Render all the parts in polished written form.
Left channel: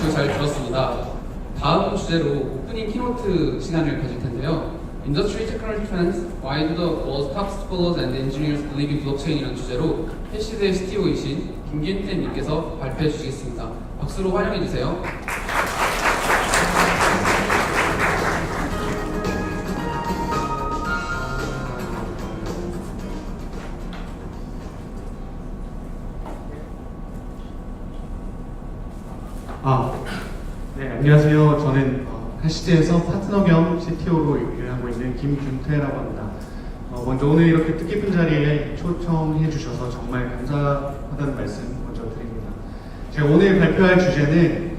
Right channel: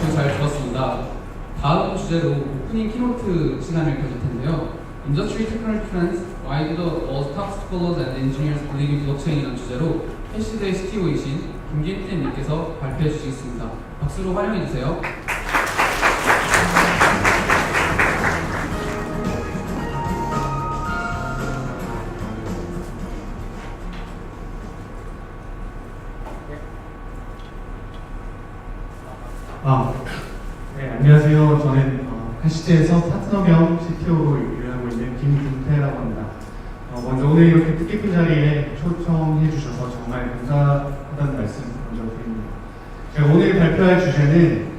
발표 잘 들었습니다. 다음 주제로 오프닝 키노트 시간을 가질 텐데요. Industry Technical Trends, Why do the world's top scholars and engineers believe in blockchain이라는 주제로 해시드의 CTO이신 김균태 님께서 발표해 주시겠습니다. 박수로 환영해 주세요. 안녕하세요. 저는 해시드에서 파트너 겸 CTO로 일을 하고 있는 김균태라고 합니다. 먼저 오늘 이렇게 뜻깊은 자리에 초청해 주셔서 정말 감사하다는 말씀 먼저 드립니다. 제가 오늘 발표할 주제는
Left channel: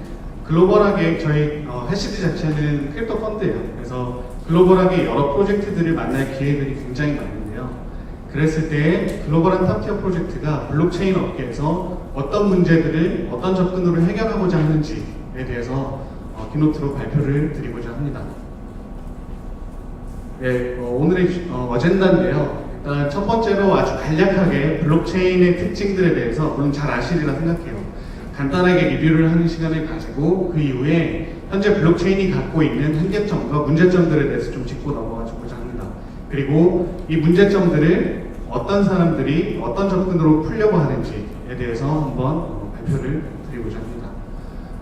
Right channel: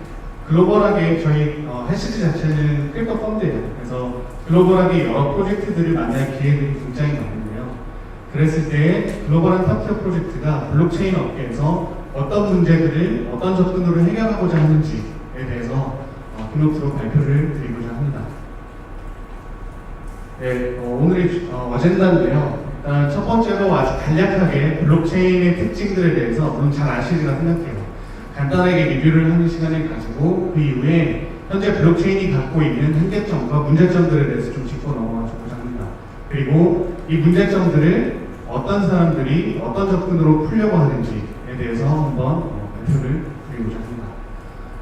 글로벌하게 저희 해시드 자체는 크립토 펀드예요. 그래서 글로벌하게 여러 프로젝트들을 만날 기회들이 굉장히 많은데요. 그랬을 때 글로벌한 탑티어 프로젝트가 블록체인 업계에서 어떤 문제들을 어떤 접근으로 해결하고자 하는지에 대해서 키노트로 발표를 드리고자 합니다. 네, 오늘의 어젠다인데요. 일단 첫 번째로 아주 간략하게 블록체인의 특징들에 대해서 물론 잘 아시리라 생각해요. 간단하게 리뷰를 하는 시간을 가지고 그 이후에 현재 블록체인이 갖고 있는 한계점과 문제점들에 대해서 좀 짚고 넘어가고자 합니다. 그리고 이 문제점들을 어떤 사람들이 어떤 접근으로 풀려고 하는지에 대해서 한번 발표를 드리고자 합니다.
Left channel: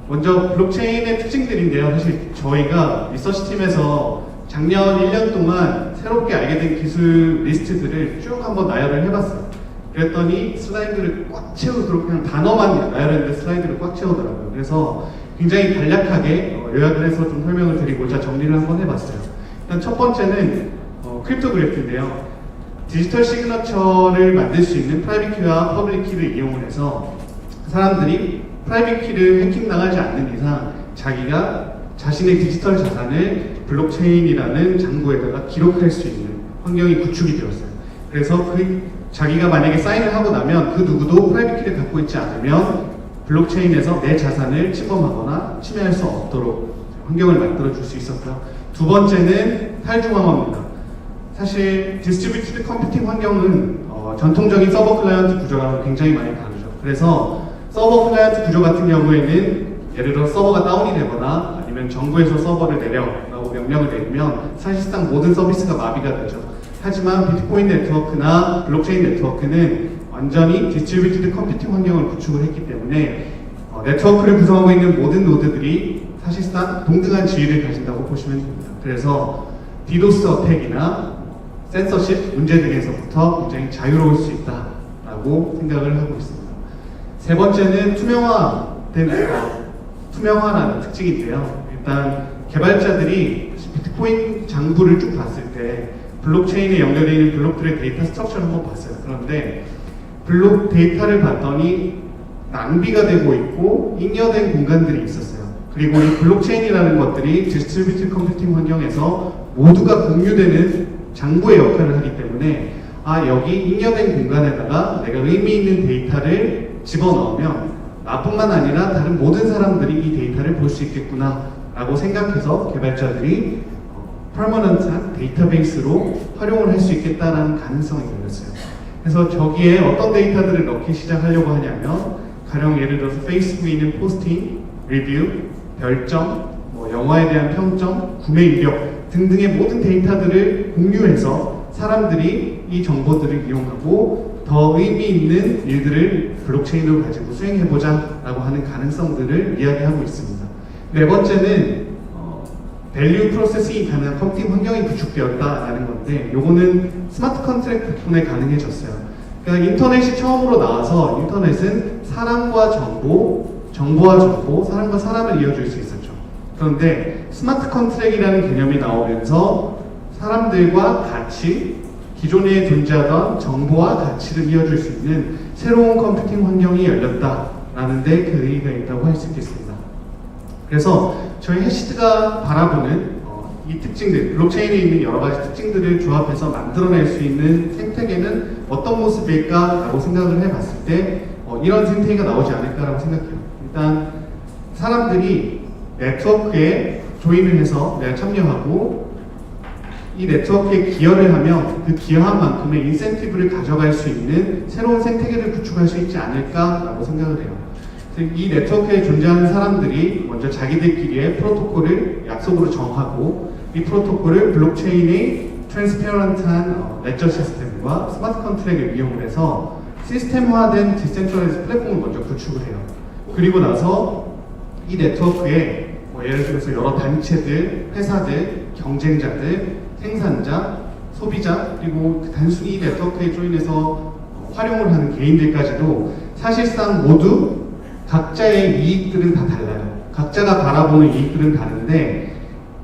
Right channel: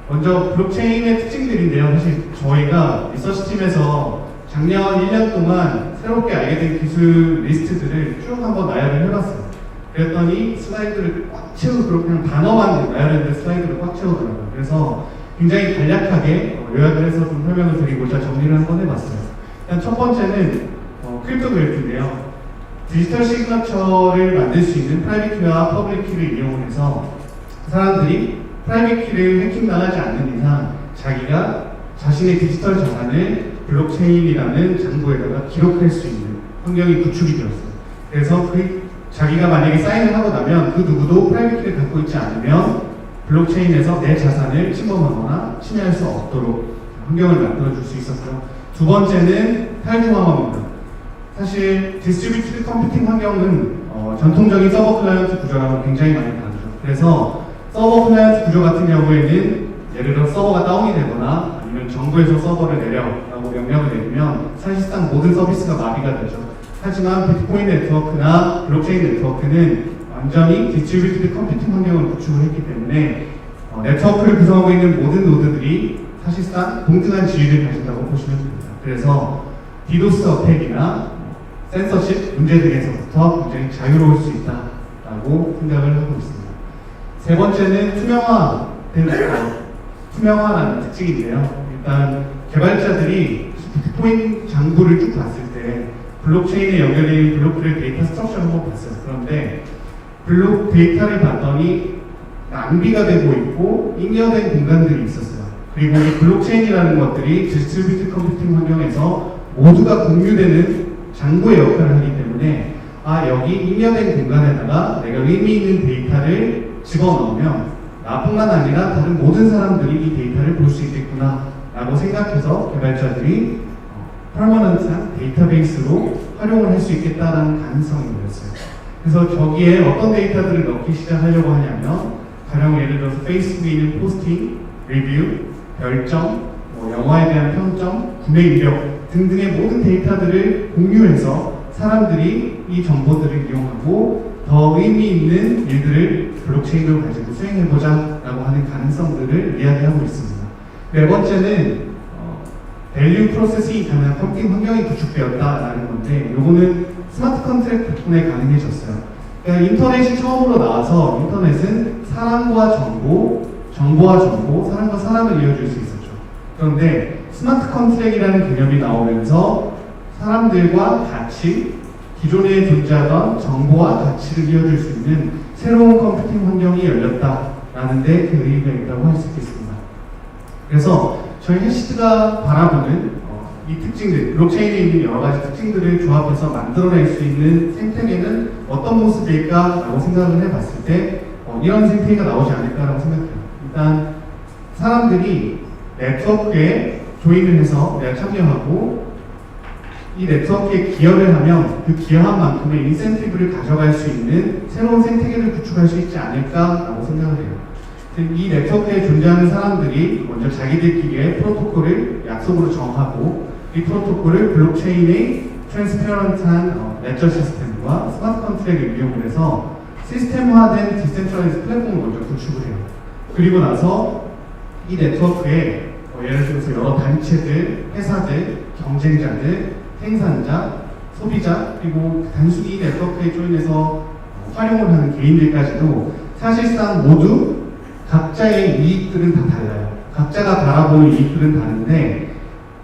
먼저 블록체인의 특징들인데요. 사실 저희가 리서치팀에서 작년 1년 동안 새롭게 알게 된 기술 리스트들을 쭉 한번 나열을 해봤어요. 그랬더니 슬라이드를 꽉 채우도록 그냥 단어만 나열했는데 슬라이드를 꽉 채우더라고요. 그래서 굉장히 간략하게 요약을 해서 좀 설명을 드리고자 정리를 한번 해봤어요. 일단 첫 번째는 크립토그래프인데요. 디지털 시그너처를 만들 수 있는 프라이빗 키와 퍼블릭 키를 이용을 해서 사람들이 프라이빗 키를 해킹당하지 않는 이상 자기가 자신의 디지털 자산을 블록체인이라는 장부에다가 기록할 수 있는 환경이 구축이 되었어요. 그래서 자기가 만약에 사인을 하고 나면 그 누구도 프라이빗 키를 갖고 있지 않으면 블록체인에서 내 자산을 침범하거나 침해할 수 없도록 환경을 만들어줄 수 있었고요. 두 번째는 탈중앙화입니다. 사실 디스트리뷰티드 컴퓨팅 환경은 전통적인 서버 클라이언트 구조랑은 굉장히 많이 다르죠. 그래서 서버 클라이언트 구조 같은 경우에는 예를 들어 서버가 다운이 되거나 아니면 정부에서 서버를 내려라고 명령을 내리면 사실상 모든 서비스가 마비가 되죠. 하지만 비트코인 네트워크나 블록체인 네트워크는 완전히 디스트리뷰티드 컴퓨팅 환경을 구축을 했기 때문에 네트워크를 구성하고 있는 모든 노드들이 사실상 동등한 지위를 가진다고 보시면 됩니다. 그래서 디도스 어택이나 센서십 문제 등에서부터 굉장히 자유로울 수 있다라고 생각을 하고 있습니다. 세 번째는 투명화라는 특징인데요. 일단 개발자들이 비트코인 장부를 쭉 봤을 때 블록체인에 연결되어 있는 블록들의 데이터 스트럭처를 한번 봤어요. 그런데 블록 데이터를 봤더니 낭비가 되고 있고 잉여된 공간들이 있었어요. 그리고 이 블록체인이라는 것들이 디스트리뷰티드 컴퓨팅 환경에서 모두가 공유되는 장부의 역할을 하기 때문에 여기 잉여된 공간에다가 내가 의미 있는 데이터를 집어넣으면 나뿐만 아니라 다른 모든 사람들이 이 데이터를 볼 수 있겠구나 라고 생각해서 개발자들이 퍼머넌트한 데이터베이스로 활용을 할 수 있겠다라는 가능성이 열렸어요. 그래서 저기에 어떤 데이터들을 넣기 시작하려고 하냐면 가령 예를 들어서 페이스북에 있는 포스팅, 리뷰, 별점, 영화에 대한 평점, 구매 이력 등등의 모든 데이터들을 공유해서 사람들이 이 정보들을 이용하고 더 의미 있는 일들을 블록체인으로 가지고 수행해보자 라고 하는 가능성들을 이야기하고 있습니다. 네 번째는 밸류 프로세싱이 가능한 컴퓨팅 환경이 구축되었다라는 건데 요거는 스마트 컨트랙트 덕분에 가능해졌어요. 그러니까 인터넷이 처음으로 나와서 인터넷은 사람과 정보, 정보와 정보, 사람과 사람을 이어줄 수 있었죠. 그런데 스마트 컨트랙이라는 개념이 나오면서 사람들과 같이 기존에 존재하던 정보와 가치를 이어줄 수 있는 새로운 컴퓨팅 환경이 열렸다라는 데 그 의의가 있다고 할 수 있겠습니다. 그래서 저희 해시드가 바라보는 이 특징들, 블록체인에 있는 여러 가지 특징들을 조합해서 만들어낼 수 있는 생태계는 어떤 모습일까라고 생각을 해봤을 때 이런 생태계가 나오지 않을까라고 생각해요. 일단 사람들이 네트워크에 조인을 해서 내가 참여하고 이 네트워크에 기여를 하면 그 기여한 만큼의 인센티브를 가져갈 수 있는 새로운 생태계를 구축할 수 있지 않을까라고 생각을 해요. 즉, 이 네트워크에 존재하는 사람들이 먼저 자기들끼리의 프로토콜을 약속으로 정하고 이 프로토콜을 블록체인의 트랜스페런트한 레저 시스템과 스마트 컨트랙을 이용을 해서 시스템화된 디센트럴라이즈 플랫폼을 먼저 구축을 해요. 그리고 나서 이 네트워크에 예를 들어서 여러 단체들, 회사들, 경쟁자들, 생산자, 소비자, 그리고 단순히 이 네트워크에 조인해서 활용을 하는 개인들까지도 사실상 모두 각자의 이익들은 다 달라요. 각자가 바라보는 이익들은 다른데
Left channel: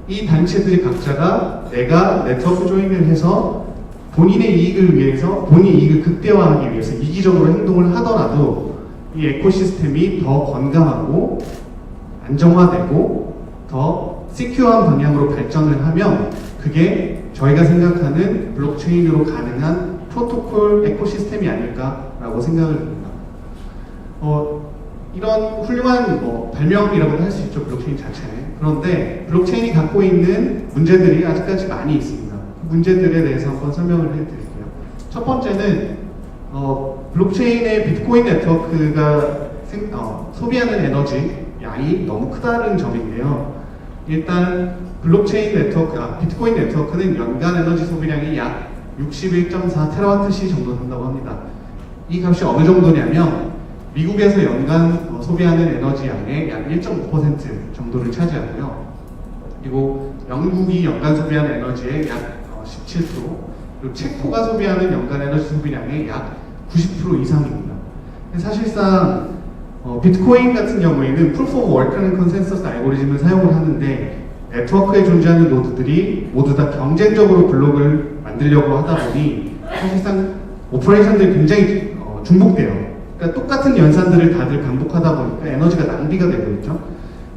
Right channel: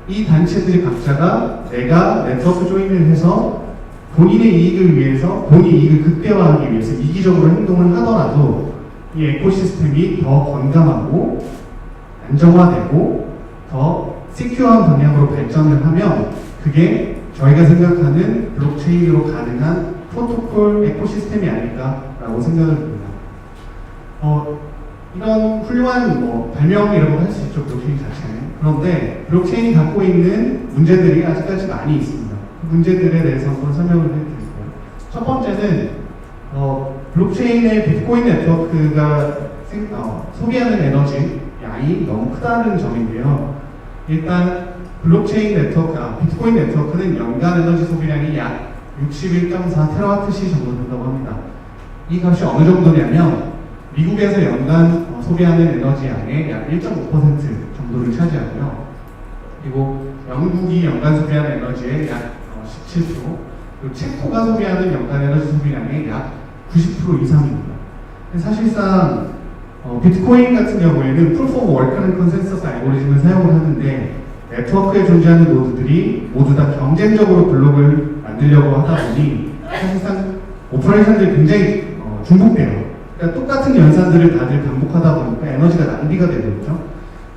이 단체들이 각자가 내가 네트워크 조인을 해서 본인의 이익을 위해서, 본인의 이익을 극대화하기 위해서 이기적으로 행동을 하더라도 이 에코시스템이 더 건강하고 안정화되고 더 시큐어한 방향으로 발전을 하면 그게 저희가 생각하는 블록체인으로 가능한 프로토콜 에코시스템이 아닐까라고 생각을 합니다. 이런 훌륭한 발명이라고 할 수 있죠, 블록체인 자체는. 그런데 블록체인이 갖고 있는 문제들이 아직까지 많이 있습니다. 그 문제들에 대해서 한번 설명을 해드릴게요. 첫 번째는 블록체인의 비트코인 네트워크가 소비하는 에너지 양이 너무 크다는 점인데요. 일단 블록체인 네트워크, 비트코인 네트워크는 연간 에너지 소비량이 약 61.4 테라와트시 정도 된다고 합니다. 이 값이 어느 정도냐면 미국에서 연간 소비하는 에너지 양의 약 1.5% 정도를 차지하고요. 그리고 영국이 연간 소비하는 에너지의 약 17%, 그리고 체코가 소비하는 연간 에너지 소비량의 약 90% 이상입니다. 사실상 비트코인 같은 경우에는 프루프 오브 워크라는 컨센서스 알고리즘을 사용을 하는데 네트워크에 존재하는 노드들이 모두 다 경쟁적으로 블록을 만들려고 하다 보니 사실상 오퍼레이션들이 굉장히 중복돼요. 그러니까 똑같은 연산들을 다들 반복하다 보니까 에너지가 낭비가 되고 있죠.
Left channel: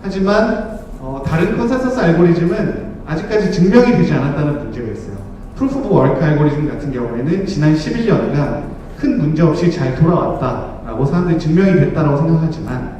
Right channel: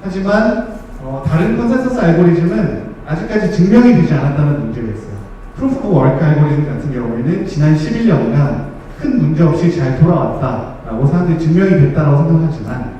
하지만 다른 컨센서스 알고리즘은 아직까지 증명이 되지 않았다는 문제가 있어요. 프루프 오브 워크 알고리즘 같은 경우에는 지난 11년간 큰 문제 없이 잘 돌아왔다라고 사람들이 증명이 됐다고 생각하지만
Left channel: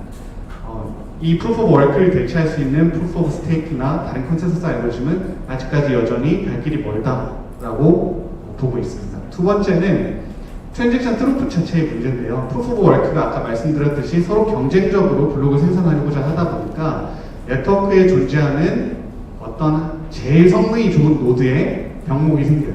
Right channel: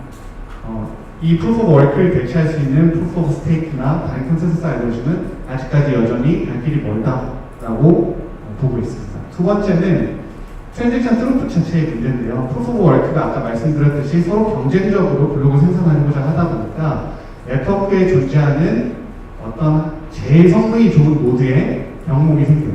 이 프루프 오브 워크를 대체할 수 있는 프루프 오브 스테이크나 다른 컨센서스 알고리즘은 아직까지 여전히 갈 길이 멀다라고 보고 있습니다. 두 번째는 트랜잭션 트루프 자체의 문제인데요. 프루프 오브 워크가 아까 말씀드렸듯이 서로 경쟁적으로 블록을 생산하고자 하다 보니까 네트워크에 존재하는 어떤 제일 성능이 좋은 노드에 병목이 생겨요.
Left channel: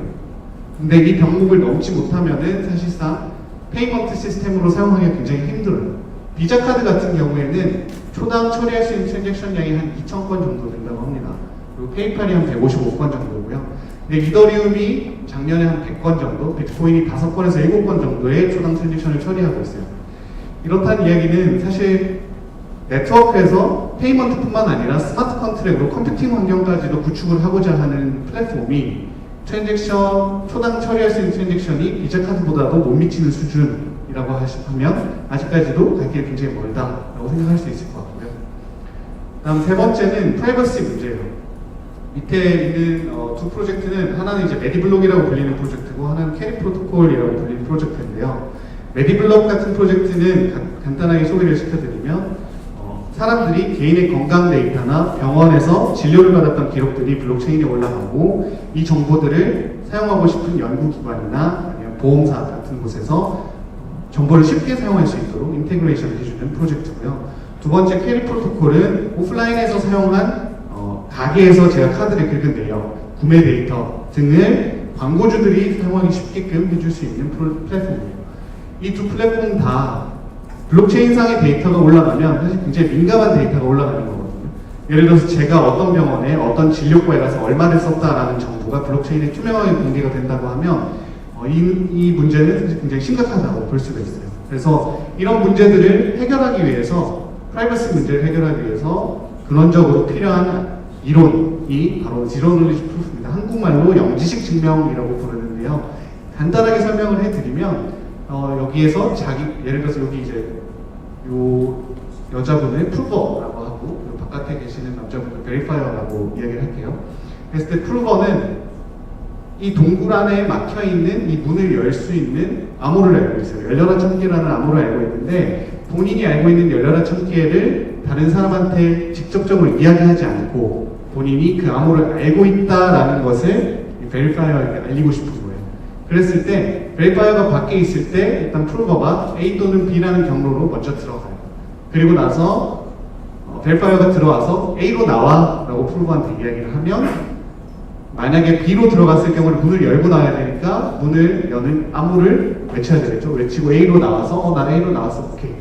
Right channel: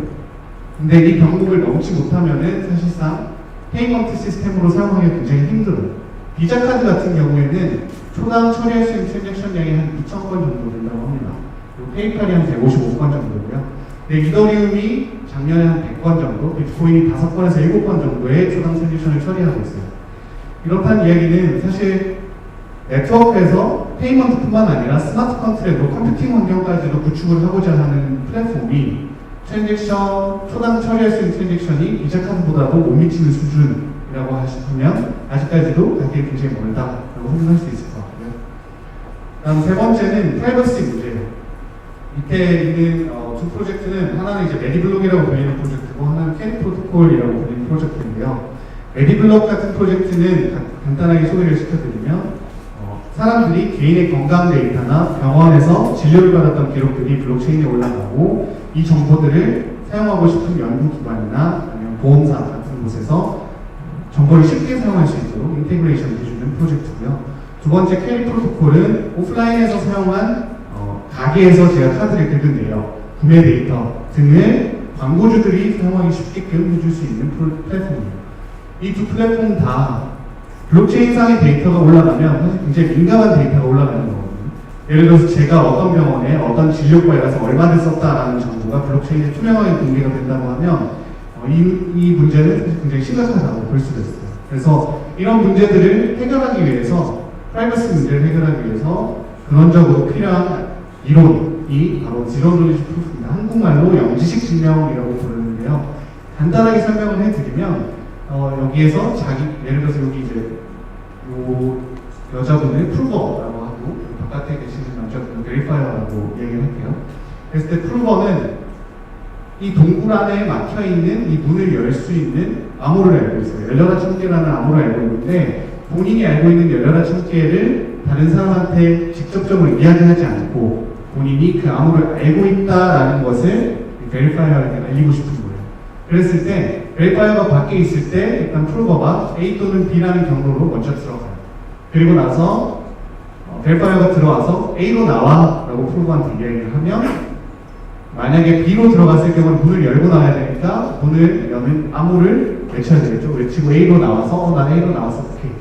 근데 이 병목을 넘지 못하면은 사실상 페이먼트 시스템으로 사용하기가 굉장히 힘들어요. 비자 카드 같은 경우에는 초당 처리할 수 있는 트랜잭션 양이 한 2,000건 정도 된다고 합니다. 그리고 페이팔이 한 155건 정도고요. 근데 이더리움이 작년에 한 100건 정도, 비트코인이 5건에서 7건 정도의 초당 트랜잭션을 처리하고 있어요. 이렇다는 이야기는 사실 네트워크에서 페이먼트뿐만 아니라 스마트 컨트랙으로 컴퓨팅 환경까지도 구축을 하고자 하는 플랫폼이 트랜잭션, 초당 처리할 수 있는 트랜잭션이 비자 카드보다도 못 미치는 수준이라고 하시면 아직까지도 갈 길이 굉장히 멀다라고 생각할 수 있을 것 같고요. 다음 세 번째는 프라이버시 문제예요. 밑에 있는 두 프로젝트는 하나는 이제 메디블록이라고 불리는 프로젝트고 하나는 캐리 프로토콜이라고 불리는 프로젝트인데요. 메디블록 같은 프로젝트는 간단하게 소개를 시켜드리면 사람들이 개인의 건강 데이터나 병원에서 진료를 받았던 기록들이 블록체인에 올라가고 이 정보들을 사용하고 싶은 연구기관이나 아니면 보험사 같은 곳에서 정보를 쉽게 사용할 수 있도록 인테그레이션을 해주는 프로젝트고요. 두 번째 캐리 프로토콜은 오프라인에서 사용한 가게에서 제가 카드를 긁은데요. 구매 데이터 등을 광고주들이 사용하기 쉽게끔 해줄 수 있는 플랫폼이에요. 이 두 플랫폼 다 블록체인상의 데이터가 올라가면 사실 굉장히 민감한 데이터가 올라가는 거거든요. 예를 들어서 제가 어떤 병원에 어떤 진료과에 가서 얼마를 썼다라는 정보가 블록체인에 투명하게 공개가 된다고 하면 이 문제는 굉장히 심각하다고 볼 수가 있어요. 그래서 이런 문제들을 해결하기 위해서 프라이버시 문제를 해결하기 위해서 근원적으로 필요한 이론이 바로 지로 노리지 프루프입니다. 한국말로 영지식 증명이라고 부르는데요. 간단하게 설명을 해드리면 여기에서 예를 들어서 여기 이제 요 여자분을 프루버라고 하고 바깥에 계시는 남자분을 베리파이어라고 이야기를 할게요. 그랬을 때 프루버는 이 동굴 안에 막혀있는 이 문을 열 수 있는 암호를 알고 있어요. 열려라 천개라는 암호를 알고 있는데 본인이 알고 있는 열려라 천개를 다른 사람한테 직접적으로 이야기하지 않고 본인이 그 암호를 알고 있다라는 것을 베리파이어에게 알리고 싶은 거예요. 그랬을 때 베리파이어가 밖에 있을 때 일단 프루버가 A 또는 B라는 경로로 먼저 들어가요. 그리고 나서 베리파이어가 들어와서 A로 나와 라고 프로브한테 이야기를 하면 만약에 B로 들어갔을 경우는 문을 열고 나와야 되니까 문을 여는 암호를 외쳐야 되겠죠. 외치고 A로 나와서 난 A로 나왔어. 오케이.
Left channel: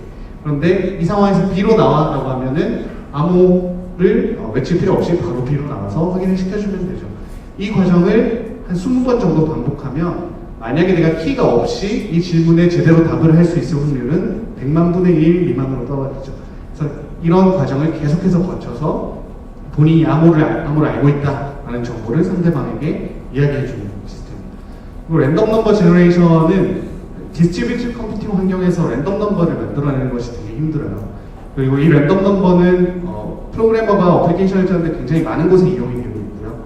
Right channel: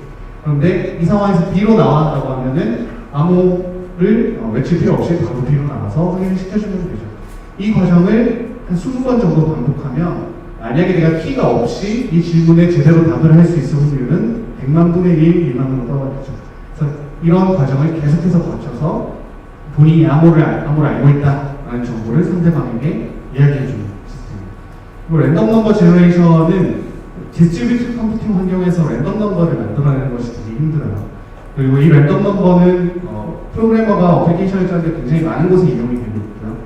그런데 이 상황에서 B로 나와 라고 하면은 암호를 외칠 필요 없이 바로 B로 나와서 확인을 시켜주면 되죠. 이 과정을 한 20번 정도 반복하면 만약에 내가 키가 없이 이 질문에 제대로 답을 할 수 있을 확률은 100만 분의 1 미만으로 떨어지죠. 그래서 이런 과정을 계속해서 거쳐서 본인이 암호를 알고 있다라는 정보를 상대방에게 이야기해주는 시스템입니다. 그리고 랜덤 넘버 제너레이션은 디스트리뷰티드 컴퓨팅 환경에서 랜덤 넘버를 만들어내는 것이 되게 힘들어요. 그리고 이 랜덤 넘버는 프로그래머가 어플리케이션을 짜는데 굉장히 많은 곳에 이용이 되고 있고요.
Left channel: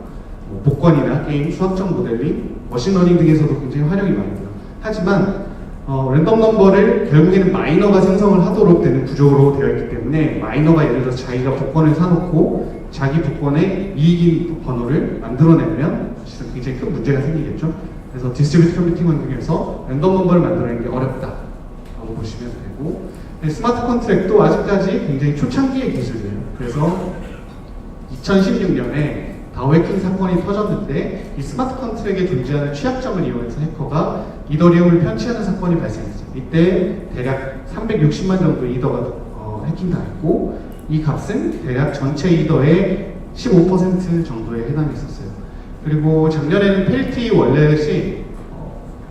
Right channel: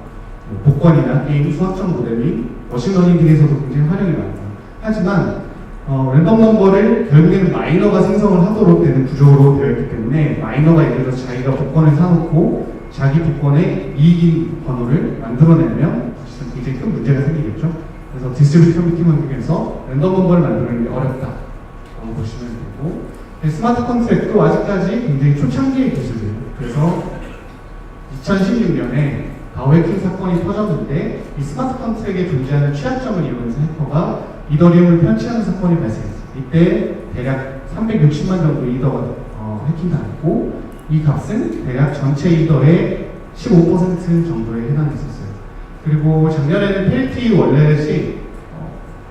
복권이나 게임, 수학적 모델링, 머신러닝 등에서도 굉장히 활용이 많이 돼요. 하지만 랜덤 넘버를 결국에는 마이너가 생성을 하도록 되는 구조로 되어 있기 때문에 마이너가 예를 들어서 자기가 복권을 사놓고 자기 복권의 이익인 번호를 만들어내면 사실은 굉장히 큰 문제가 생기겠죠. 그래서 디스트리뷰티드 컴퓨팅 환경에서 랜덤 넘버를 만들어내는 게 어렵다라고 보시면 되고, 스마트 컨트랙도 아직까지 굉장히 초창기의 기술이에요. 그래서 2016년에 다오 해킹 사건이 터졌는데 이 스마트 컨트랙에 존재하는 취약점을 이용해서 해커가 이더리움을 편취하는 사건이 발생했어요. 이때 대략 360만 정도 이더가 해킹당했고 이 값은 대략 전체 이더의 15% 정도에 해당했었어요. 그리고 작년에는 펠티 월렛이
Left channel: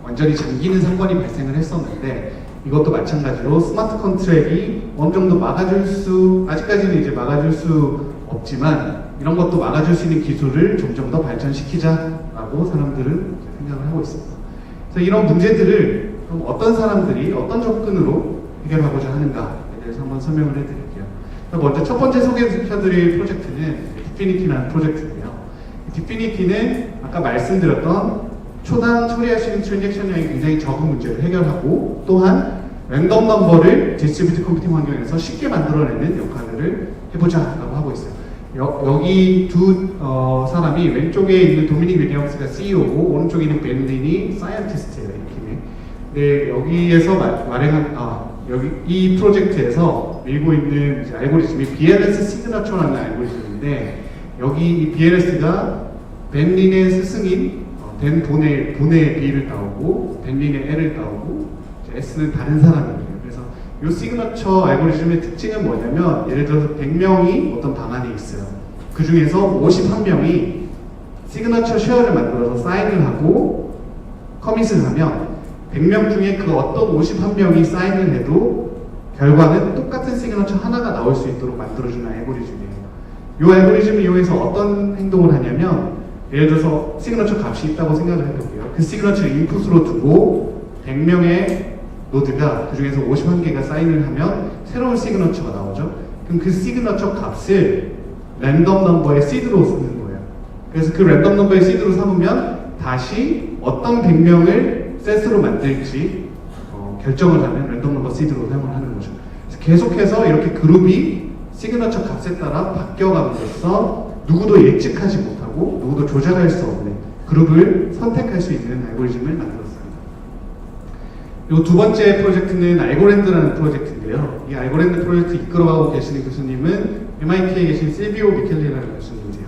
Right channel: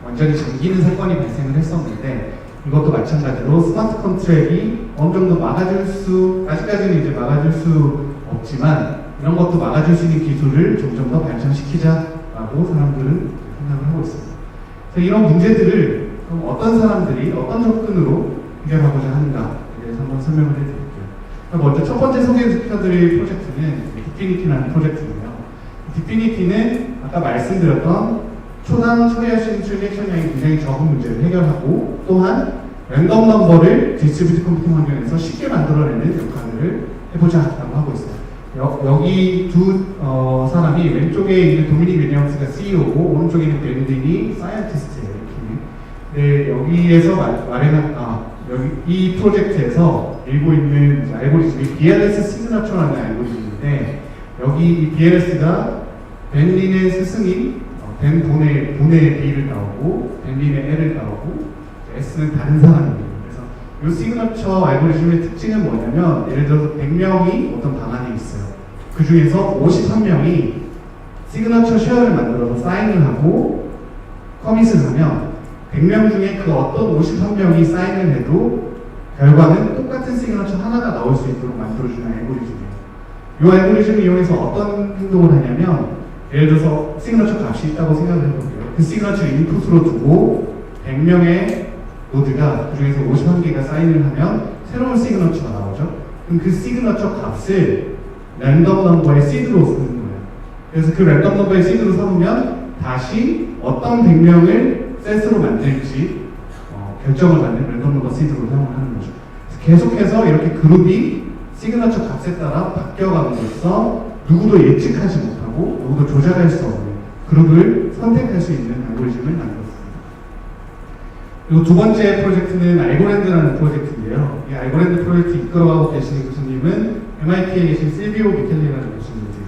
완전히 잠기는 사건이 발생을 했었는데 이것도 마찬가지로 스마트 컨트랙이 어느 정도 아직까지는 이제 막아줄 수 없지만 이런 것도 막아줄 수 있는 기술을 점점 더 발전시키자라고 사람들은 생각을 하고 있습니다. 그래서 이런 문제들을 어떤 사람들이 어떤 접근으로 해결하고자 하는가에 대해서 한번 설명을 해드릴게요. 먼저 첫 번째 소개해드릴 프로젝트는 디피니티라는 프로젝트인데요. 디피니티는 아까 말씀드렸던 초당 처리할 수 있는 트랜잭션량이 굉장히 적은 문제를 해결하고 또한 랜덤 넘버를 디스트리뷰티드 컴퓨팅 환경에서 쉽게 만들어내는 역할을 해보자라고 하고 있어요. 여기 두 사람이 왼쪽에 있는 도미닉 윌리엄스가 CEO고 오른쪽에 있는 벤딘이 사이언티스트예요. 네, 여기에서 여기 이 프로젝트에서 밀고 있는 알고리즘이 BLS 시그너처라는 알고리즘인데 여기 이 BLS가 벤린의 스승인 벤 본의 B를 따오고 벤린의 L을 따오고 S는 다른 사람이에요. 그래서 이 시그너처 알고리즘의 특징은 뭐냐면 예를 들어서 100명이 어떤 방안이 있어요. 그 중에서 51명이 시그너처 쉐어를 만들어서 사인을 하고 커밋을 하면 100명 중에 그 어떤 51명이 사인을 해도 결과는 똑같은 시그너처 하나가 나올 수 있도록 만들어주는 알고리즘이에요. 이 알고리즘을 이용해서 어떤 행동을 하냐면 예를 들어서 시그너처 값이 있다고 생각을 해볼게요. 그 시그너처를 인풋으로 두고 100명의 노드가 그 중에서 51개가 사인을 하면 새로운 시그너처가 나오죠. 그럼 그 시그너처 값을 랜덤 넘버의 시드로 쓰는 거예요. 그래서 그 랜덤 넘버의 시드로 삼으면 다시 어떤 100명을 셋으로 만들지 결정을 하는 랜덤 넘버 시드로 사용을 하는 거죠. 그래서 계속해서 이렇게 그룹이 시그너처 값에 따라 바뀌어감으로써 누구도 예측하지 못하고 누구도 조작할 수 없는 그룹을 선택할 수 있는 알고리즘을 만들었습니다. 그리고 두 번째 프로젝트는 알고랜드라는 프로젝트인데요. 이 알고랜드 프로젝트 이끌어가고 계시는 교수님은 MIT에 계신 실비오 미켈리라는 교수님이세요.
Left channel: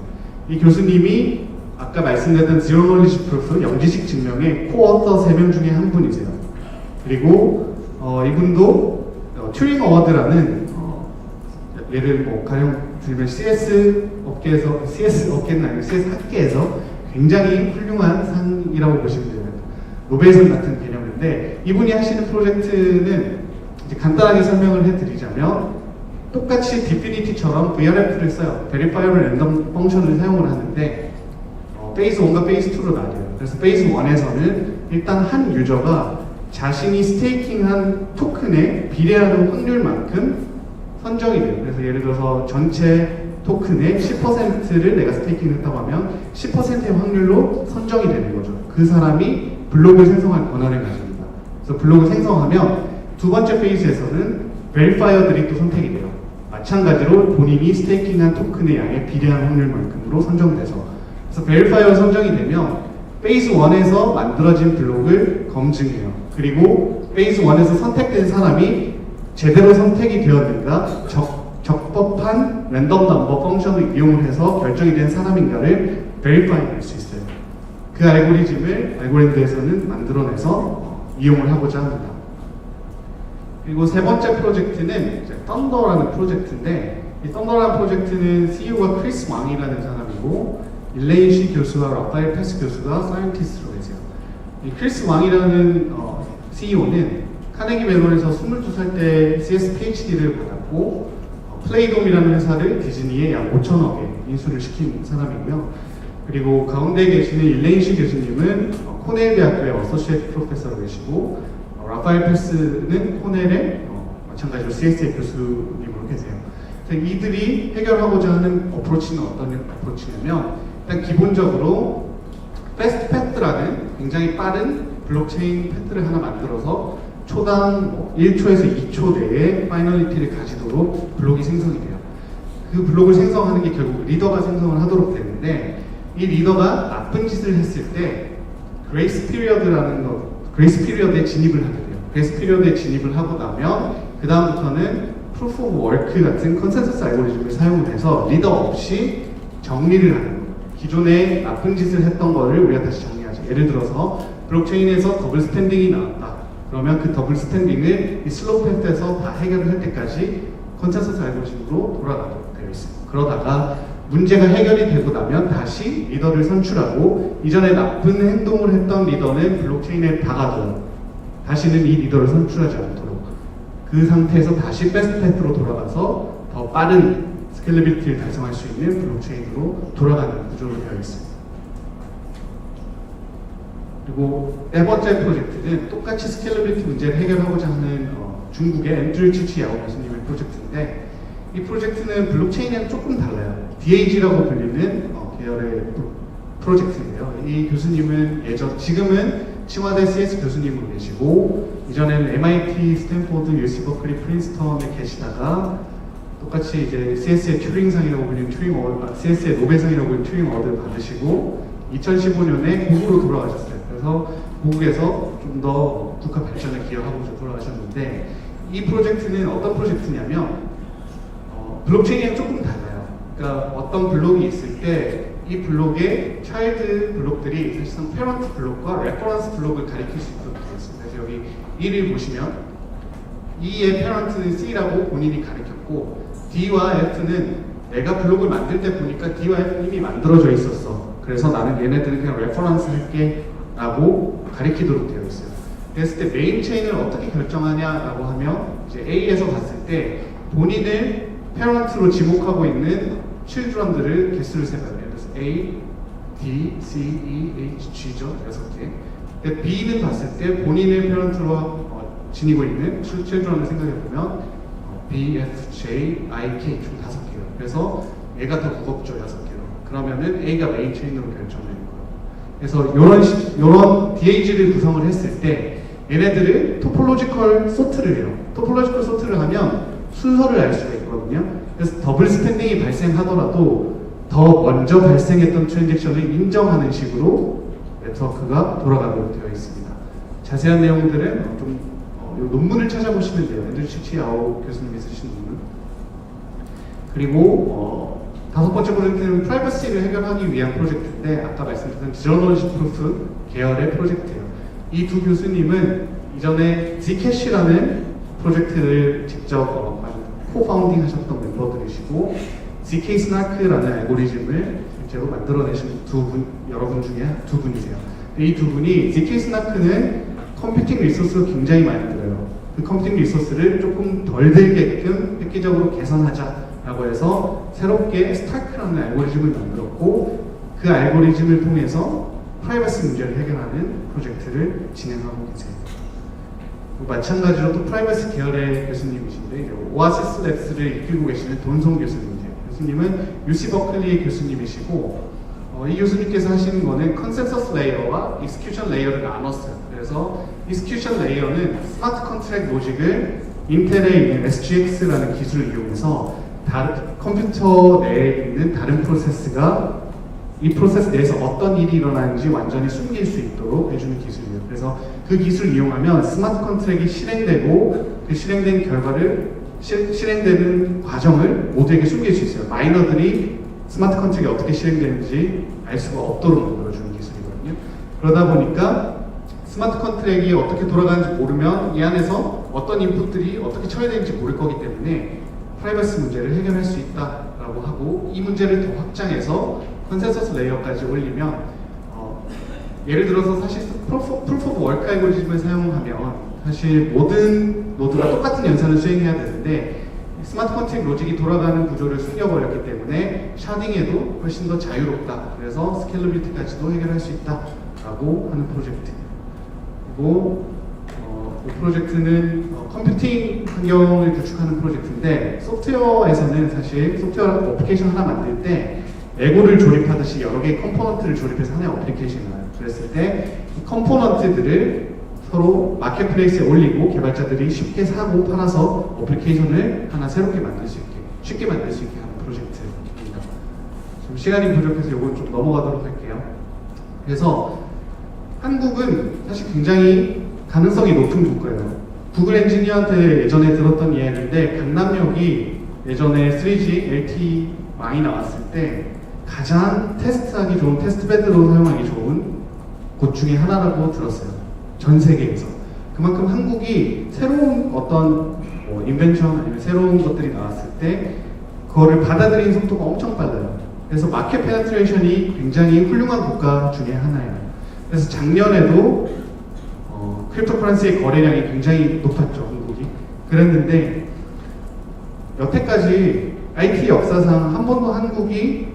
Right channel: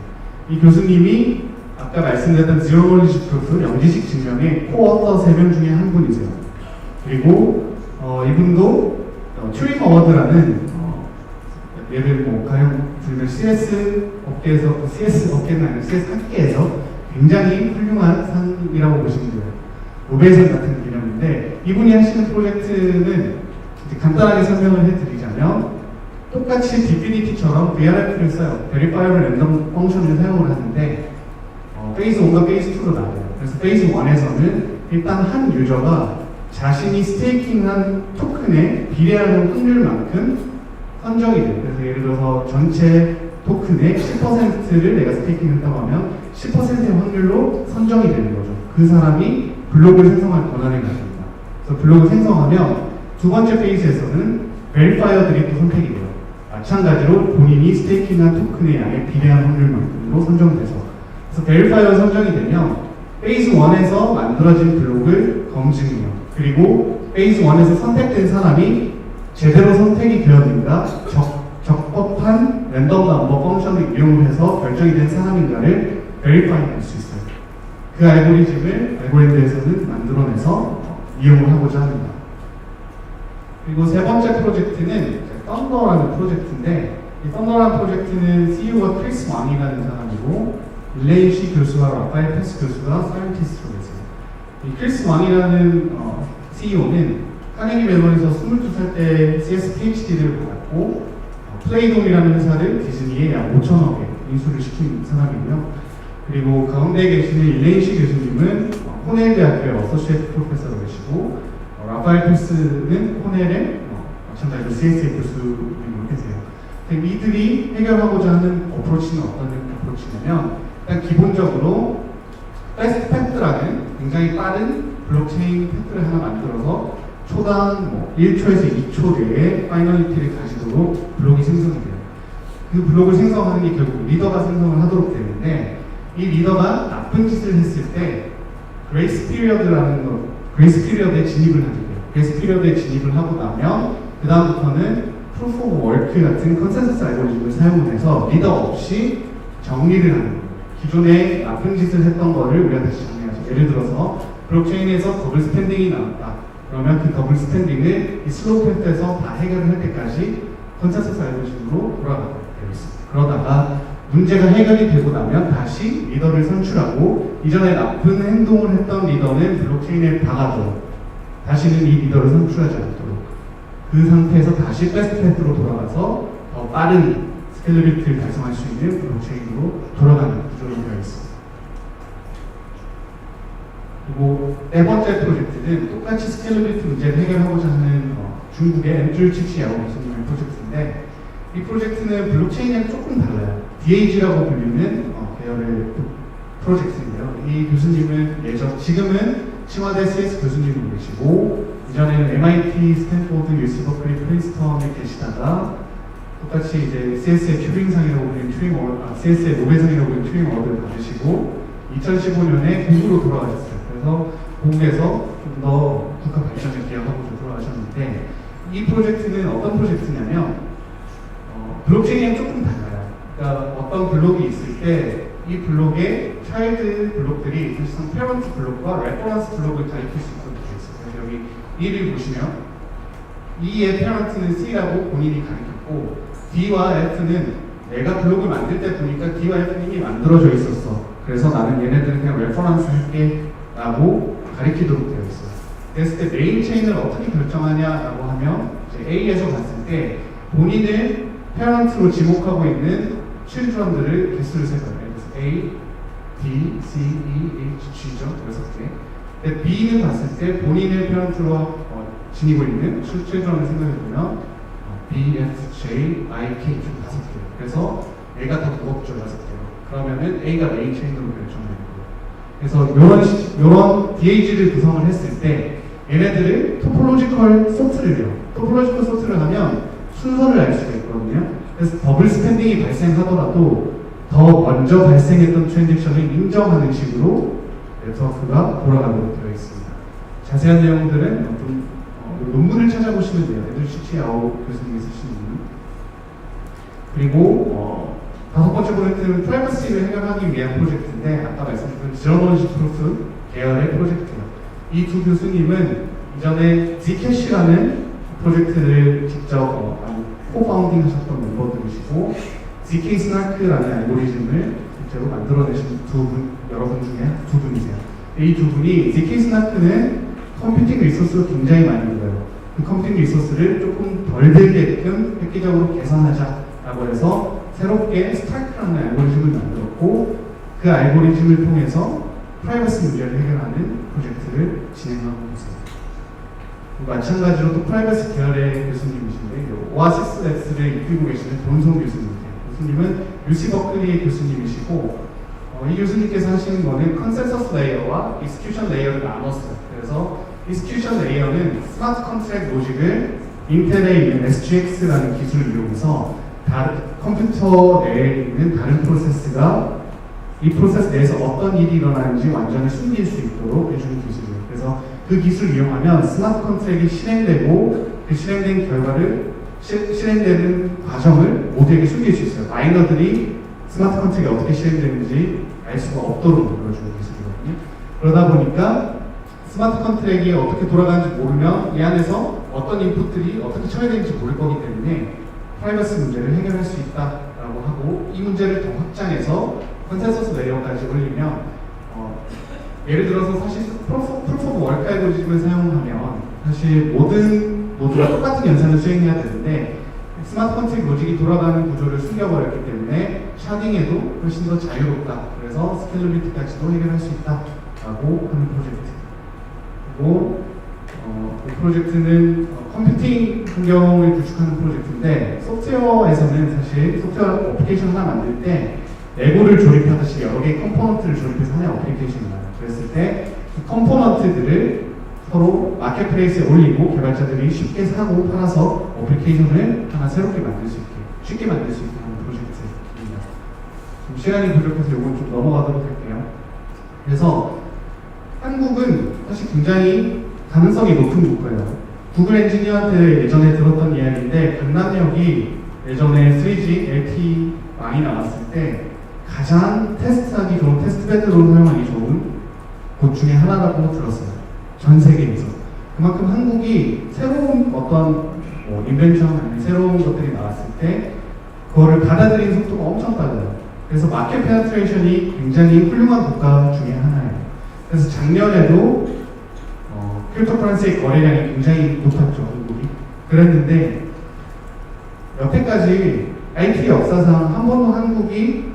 이 교수님이 아까 말씀드렸던 Zero Knowledge Proof, 영지식 증명의 코어터 3명 중에 한 분이세요. 그리고 이분도 튜링 어워드라는 예를 가령 들면 CS 업계는 아니고 CS 학계에서 굉장히 훌륭한 상이라고 보시면 돼요. 노벨상 같은 개념인데 이분이 하시는 프로젝트는 이제 간단하게 설명을 해드리자면 똑같이 디피니티처럼 VRF를 써요. 베리파이어를 랜덤 펑션을 사용을 하는데 페이스 1과 페이스 2로 나뉘어요. 그래서 페이스 1에서는 일단 한 유저가 자신이 스테이킹한 토큰의 비례하는 확률만큼 선정이 돼요. 그래서 예를 들어서 전체 토큰의 10%를 내가 스테이킹했다고 하면 10%의 확률로 선정이 되는 거죠. 그 사람이 블록을 생성할 권한을 가집니다. 그래서 블록을 생성하면 두 번째 페이지에서는 베리파이어들이 또 선택이 돼요. 마찬가지로 본인이 스테이킹한 토큰의 양에 비례한 확률만큼으로 선정돼서 그래서 베리파이어 선정이 되면 페이즈 1에서 만들어진 블록을 검증해요. 그리고 페이즈 1에서 선택된 사람이 제대로 선택이 되었는가, 적법한 랜덤 넘버 펑션을 이용해서 결정이 된 사람인가를 베리파이 할 수 있어요. 그 알고리즘을 알고리즘에서는 만들어내서 이용을 하고자 합니다. 그리고 세 번째 프로젝트는 썬더라는 프로젝트인데, 이 썬더라는 프로젝트는 CEO가 크리스 왕이라는 사람이고 일레인 시 교수와 라파엘 패스 교수가 사이언티스트로 계세요. 이 크리스 왕이라는 CEO는 카네기 멜론에서 22살 때 CS PhD를 받았고 플레이돔이라는 회사를 디즈니에 약 5천억에 인수를 시킨 사람이고요. 그리고 가운데 계시는 일레인 시 교수님은 코넬 대학교의 어소시에이트 프로페서로 계시고 라파엘 패스는 코넬의 마찬가지로 CSA 교수님으로 계세요. 이들이 해결하고자 하는 어프로치는 어떤 어프로치냐면 일단 기본적으로 패스트 패스라는 굉장히 빠른 블록체인 패스를 하나 만들어서 초당 1초에서 2초 내에 파이널리티를 가지도록 블록이 생성이 돼요. 그 블록을 생성하는 게 결국 리더가 생성을 하도록 되는데, 이 리더가 나쁜 짓을 했을 때 그레이스 피리어드에 진입을 하게 돼요. 그레이스 피리어드에 진입을 하고 나면 그 다음부터는 프루프 오브 워크 같은 컨센서스 알고리즘을 사용을 해서 리더 없이 정리를 하는 거예요. 기존에 나쁜 짓을 했던 거를 우리가 다시 정리하죠. 예를 들어서 블록체인에서 더블 스탠딩이 나왔다. 그러면 그 더블 스탠딩을 이 슬로우 패스에서 다 해결을 할 때까지 컨센서스 알고리즘으로 돌아가게 되어 있습니다. 그러다가 문제가 해결이 되고 나면 다시 리더를 선출하고 이전에 나쁜 행동을 했던 리더는 블록체인에 박아둬요. 다시는 이 리더를 선출하지 않도록. 그 상태에서 다시 베스트 패스로 돌아가서 더 빠른 스케일러빌리티를 달성할 수 있는 블록체인으로 돌아가는 구조로 되어 있습니다. 그리고 네 번째 프로젝트는 똑같이 스케일러빌리티 문제를 해결하고자 하는 중국의 앤드류 치치야오 교수님의 프로젝트인데, 이 프로젝트는 블록체인은 조금 달라요. DAG라고 불리는 계열의 프로젝트인데요. 이 교수님은 지금은 칭화대 CS 교수님으로 계시고 이전에는 MIT, 스탠포드, UC 버클리, 프린스턴에 계시다가 똑같이 이제 CS의 튜링상이라고 불리는 CS의 노벨상이라고 불리는 튜링 어워드를 받으시고 2015년에 고국으로 돌아가셨어요. 그래서 고국에서 좀 더 국가 발전에 기여하고 돌아가셨는데, 이 프로젝트는 어떤 프로젝트냐면 블록체인이랑 조금 달라요. 그러니까 어떤 블록이 있을 때 이 블록의 차일드 블록들이 사실상 페런트 블록과 레퍼런스 블록을 가리킬 수 있도록 되어 있어요. 그래서 여기 1을 보시면 E의 페런트는 C라고 본인이 가리켰고 D와 F는 내가 블록을 만들 때 보니까 D와 F는 이미 만들어져 있었어. 그래서 나는 얘네들은 그냥 레퍼런스 할게 라고 가리키도록 되어 있어요. 그랬을 때 메인 체인을 어떻게 결정하냐라고 하면 이제 A에서 봤을 때 본인을 페런트로 지목하고 있는 칠드런들을 개수를 세봐요. 그래서 A, D, C, E, H, G죠. 6개. B는 봤을 때 본인을 페런트로 지니고 있는 칠드런을 생각해보면 B, F, J, I, K 총 5개예요. 그래서 A가 더 무겁죠. 6개로. 그러면은 A가 메인 체인으로 결정되는 거예요. 그래서 이런 DAG를 구성을 했을 때 얘네들을 토폴로지컬 소트를 해요. 토폴로지컬 소트를 하면 순서를 알 수가 있거든요. 그래서 더블 스탠딩이 발생하더라도 더 먼저 발생했던 트랜잭션을 인정하는 식으로 네트워크가 돌아가도록 되어 있습니다. 자세한 내용들은 좀 논문을 찾아보시면 돼요. 앤드류 치치야오 교수님이 쓰신 논문. 그리고 다섯 번째 프로젝트는 프라이버시를 해결하기 위한 프로젝트인데, 아까 말씀드린 제로너리지 프루프 계열의 프로젝트예요. 이 두 교수님은 이전에 Zcash라는 프로젝트를 직접 코파운딩 하셨던 멤버들이시고 ZK-SNARK라는 알고리즘을 실제로 만들어내신 여러분 중에 두 분이세요. 이 두 분이 ZK-SNARK는 컴퓨팅 리소스를 굉장히 많이 들어요. 그 컴퓨팅 리소스를 조금 덜 들게끔 획기적으로 개선하자라고 해서 새롭게 스타크라는 알고리즘을 만들었고, 그 알고리즘을 통해서 프라이버시 문제를 해결하는 프로젝트를 진행하고 계세요. 마찬가지로 또 프라이버시 계열의 교수님이신데 오아시스 랩스를 이끌고 계시는 돈송 교수님이세요. 교수님은 UC 버클리의 교수님이시고 이 교수님께서 하시는 거는 컨센서스 레이어와 익스큐션 레이어를 나눴어요. 그래서 익스큐션 레이어는 스마트 컨트랙 로직을 인텔에 있는 SGX라는 기술을 이용해서 컴퓨터 내에 있는 다른 프로세스가 이 프로세스 내에서 어떤 일이 일어나는지 완전히 숨길 수 있도록 해주는 기술이에요. 그래서 그 기술을 이용하면 스마트 컨트랙이 실행되고 그 실행된 결과를 실행되는 과정을 모두에게 숨길 수 있어요. 마이너들이 스마트 컨트랙이 어떻게 실행되는지 알 수가 없도록 만들어주는 기술이거든요. 그러다 보니까 스마트 컨트랙이 어떻게 돌아가는지 모르면 이 안에서 어떤 인풋들이 어떻게 처리되는지 모를 거기 때문에 프라이버시 문제를 해결할 수 있다라고 하고, 이 문제를 더 확장해서 컨센서스 레이어까지 올리면 예를 들어서 사실 프루프 오브 워크 알고리즘을 사용하면 사실 모든 노드가 똑같은 연산을 수행해야 되는데 스마트 컨트랙 로직이 돌아가는 구조를 숨겨버렸기 때문에 샤딩에도 훨씬 더 자유롭다. 그래서 스케일러빌리티까지도 해결할 수 있다라고 하는 프로젝트. 그리고 이 프로젝트는 컴퓨팅 환경을 구축하는 프로젝트인데, 소프트웨어에서는 사실 소프트웨어 어플리케이션 하나 만들 때 레고를 조립하듯이 여러 개의 컴포넌트를 조립해서 하나의 어플리케이션을 만들어요. 그랬을 때 이 컴포넌트들을 서로 마켓플레이스에 올리고 개발자들이 쉽게 사고 팔아서 어플리케이션을 하나 새롭게 만들 수 있게, 쉽게 만들 수 있게 하는 프로젝트입니다. 지금 시간이 부족해서 이건 좀 넘어가도록 할게요. 그래서 한국은 사실 굉장히 가능성이 높은 국가예요. 구글 엔지니어한테 예전에 들었던 이야기인데, 강남역이 예전에 3G LTE 망이 나왔을 때 가장 테스트하기 좋은, 테스트베드로 사용하기 좋은 곳 중에 하나라고 들었어요. 전 세계에서. 그만큼 한국이 새로운 어떤 인벤션 아니면 새로운 것들이 나왔을 때 그거를 받아들이는 속도가 엄청 빨라요. 그래서 마켓 페네트레이션이 굉장히 훌륭한 국가 중에 하나예요. 그래서 작년에도 크립토커런시의 거래량이 굉장히 높았죠, 한국이. 그랬는데 여태까지 IT 역사상 한 번도 한국이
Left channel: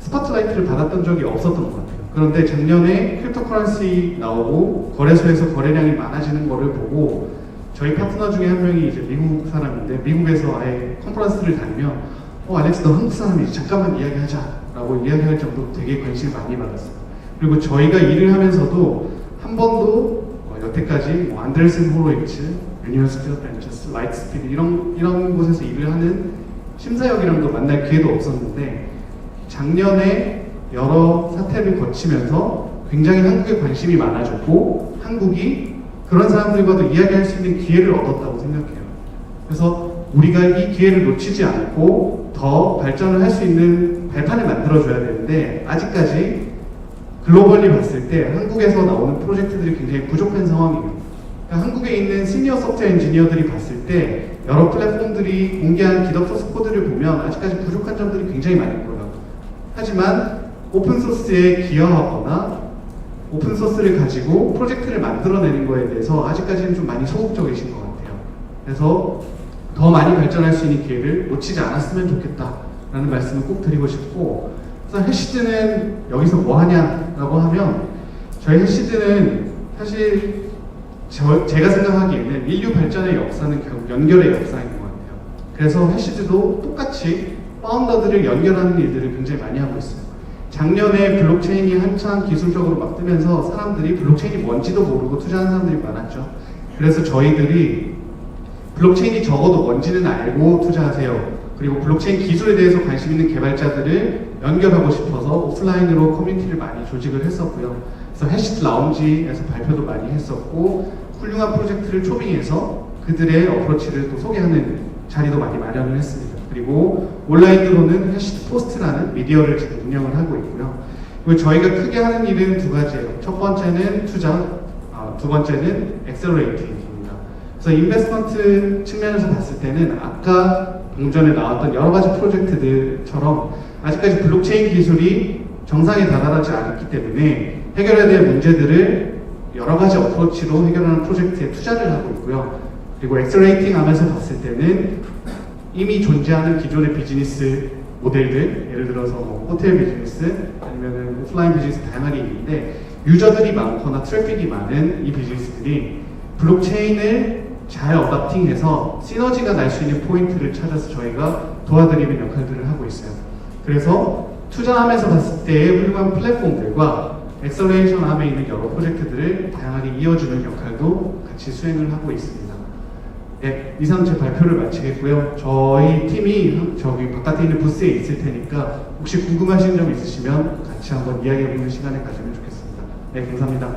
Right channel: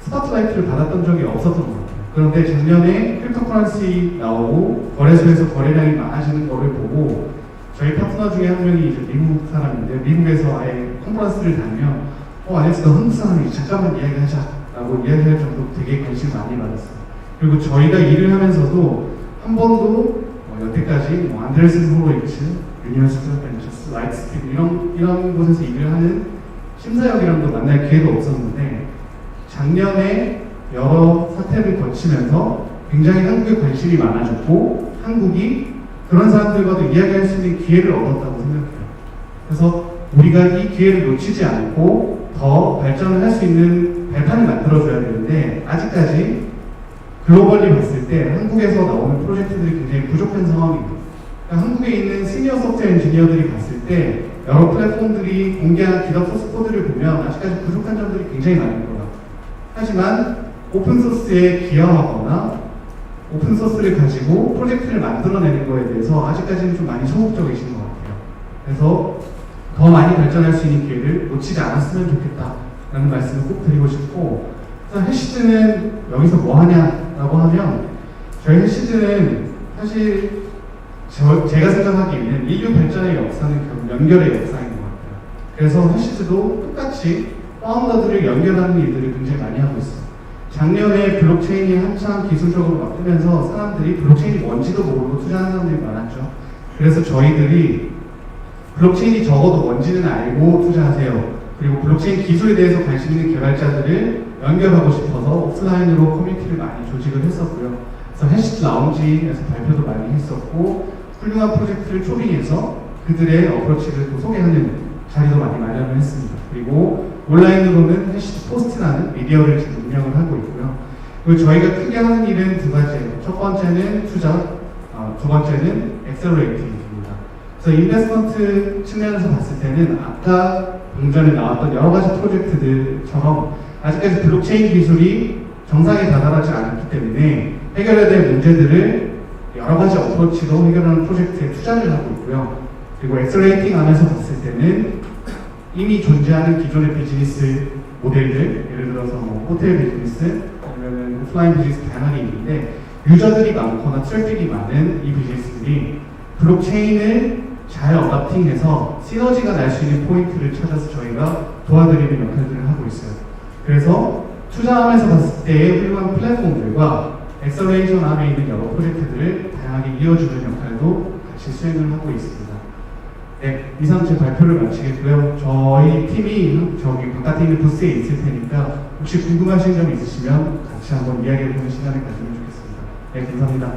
스포트라이트를 받았던 적이 없었던 것 같아요. 그런데 작년에 크립토커런시 나오고 거래소에서 거래량이 많아지는 거를 보고, 저희 파트너 중에 한 명이 이제 미국 사람인데 미국에서 아예 컨퍼런스를 다니면 알렉스 너 한국 사람이지, 잠깐만 이야기하자 라고 이야기할 정도로 되게 관심을 많이 받았어요. 그리고 저희가 일을 하면서도 한 번도 여태까지 안데르센 호로이츠, 유니버시티 오브 벤처스, 라이트스피드 이런 곳에서 일을 하는 심사역이랑도 만날 기회도 없었는데, 작년에 여러 사태를 거치면서 굉장히 한국에 관심이 많아졌고 한국이 그런 사람들과도 이야기할 수 있는 기회를 얻었다고 생각해요. 그래서 우리가 이 기회를 놓치지 않고 더 발전을 할 수 있는 발판을 만들어줘야 되는데, 아직까지 글로벌리 봤을 때 한국에서 나오는 프로젝트들이 굉장히 부족한 상황입니다. 그러니까 한국에 있는 시니어 소프트웨어 엔지니어들이 봤을 때 여러 플랫폼들이 공개한 기업 소스 코드를 보면 아직까지 부족한 점들이 굉장히 많을 거예요. 하지만 오픈소스에 기여하거나 오픈소스를 가지고 프로젝트를 만들어내는 거에 대해서 아직까지는 좀 많이 소극적이신 것 같아요. 그래서 더 많이 발전할 수 있는 기회를 놓치지 않았으면 좋겠다라는 말씀을 꼭 드리고 싶고, 그래서 해시즈는 여기서 뭐 하냐라고 하면, 저희 해시즈는 사실 제가 생각하기에는 인류 발전의 역사는 결국 연결의 역사인 것 같아요. 그래서 해시즈도 똑같이 파운더들을 연결하는 일들을 굉장히 많이 하고 있어요. 작년에 블록체인이 한창 기술적으로 막 뜨면서 사람들이 블록체인이 뭔지도 모르고 투자하는 사람들이 많았죠. 그래서 저희들이 블록체인이 적어도 뭔지는 알고 투자하세요. 그리고 블록체인 기술에 대해서 관심 있는 개발자들을 연결하고 싶어서 오프라인으로 커뮤니티를 많이 조직을 했었고요. 그래서 해시즈 라운지에서 발표도 많이 했었고, 훌륭한 프로젝트를 초빙해서 그들의 어프로치를 또 소개하는 자리도 많이 마련을 했습니다. 그리고 온라인으로는 해시즈 포스트라는 미디어를 지금 운영을 하고 있고요. 그리고 저희가 크게 하는 일은 두 가지예요. 첫 번째는 투자, 두 번째는 엑셀러레이팅입니다. 그래서 인베스트먼트 측면에서 봤을 때는 아까 방전에 나왔던 여러 가지 프로젝트들처럼 아직까지 블록체인 기술이 정상에 다다르지 않았기 때문에 해결해야 될 문제들을 여러 가지 어프로치로 해결하는 프로젝트에 투자를 하고 있고요. 그리고 엑셀레이팅 하면서 봤을 때는 이미 존재하는 기존의 비즈니스 모델들, 예를 들어서 뭐 호텔 비즈니스 아니면 오프라인 비즈니스 다양하게 있는데, 유저들이 많거나 트래픽이 많은 이 비즈니스들이 블록체인을 잘 어답팅해서 시너지가 날 수 있는 포인트를 찾아서 저희가 도와드리는 역할들을 하고 있어요. 그래서 투자하면서 봤을 때의 훌륭한 플랫폼들과 엑셀레이션 함에 있는 여러 프로젝트들을 다양하게 이어주는 역할도 같이 수행을 하고 있습니다. 네, 이상 제 발표를 마치겠고요. 저희 팀이 저기 바깥에 있는 부스에 있을 테니까 혹시 궁금하신 점 있으시면 같이 한번 이야기해보는 시간을 가지면 좋겠습니다. 네, 감사합니다.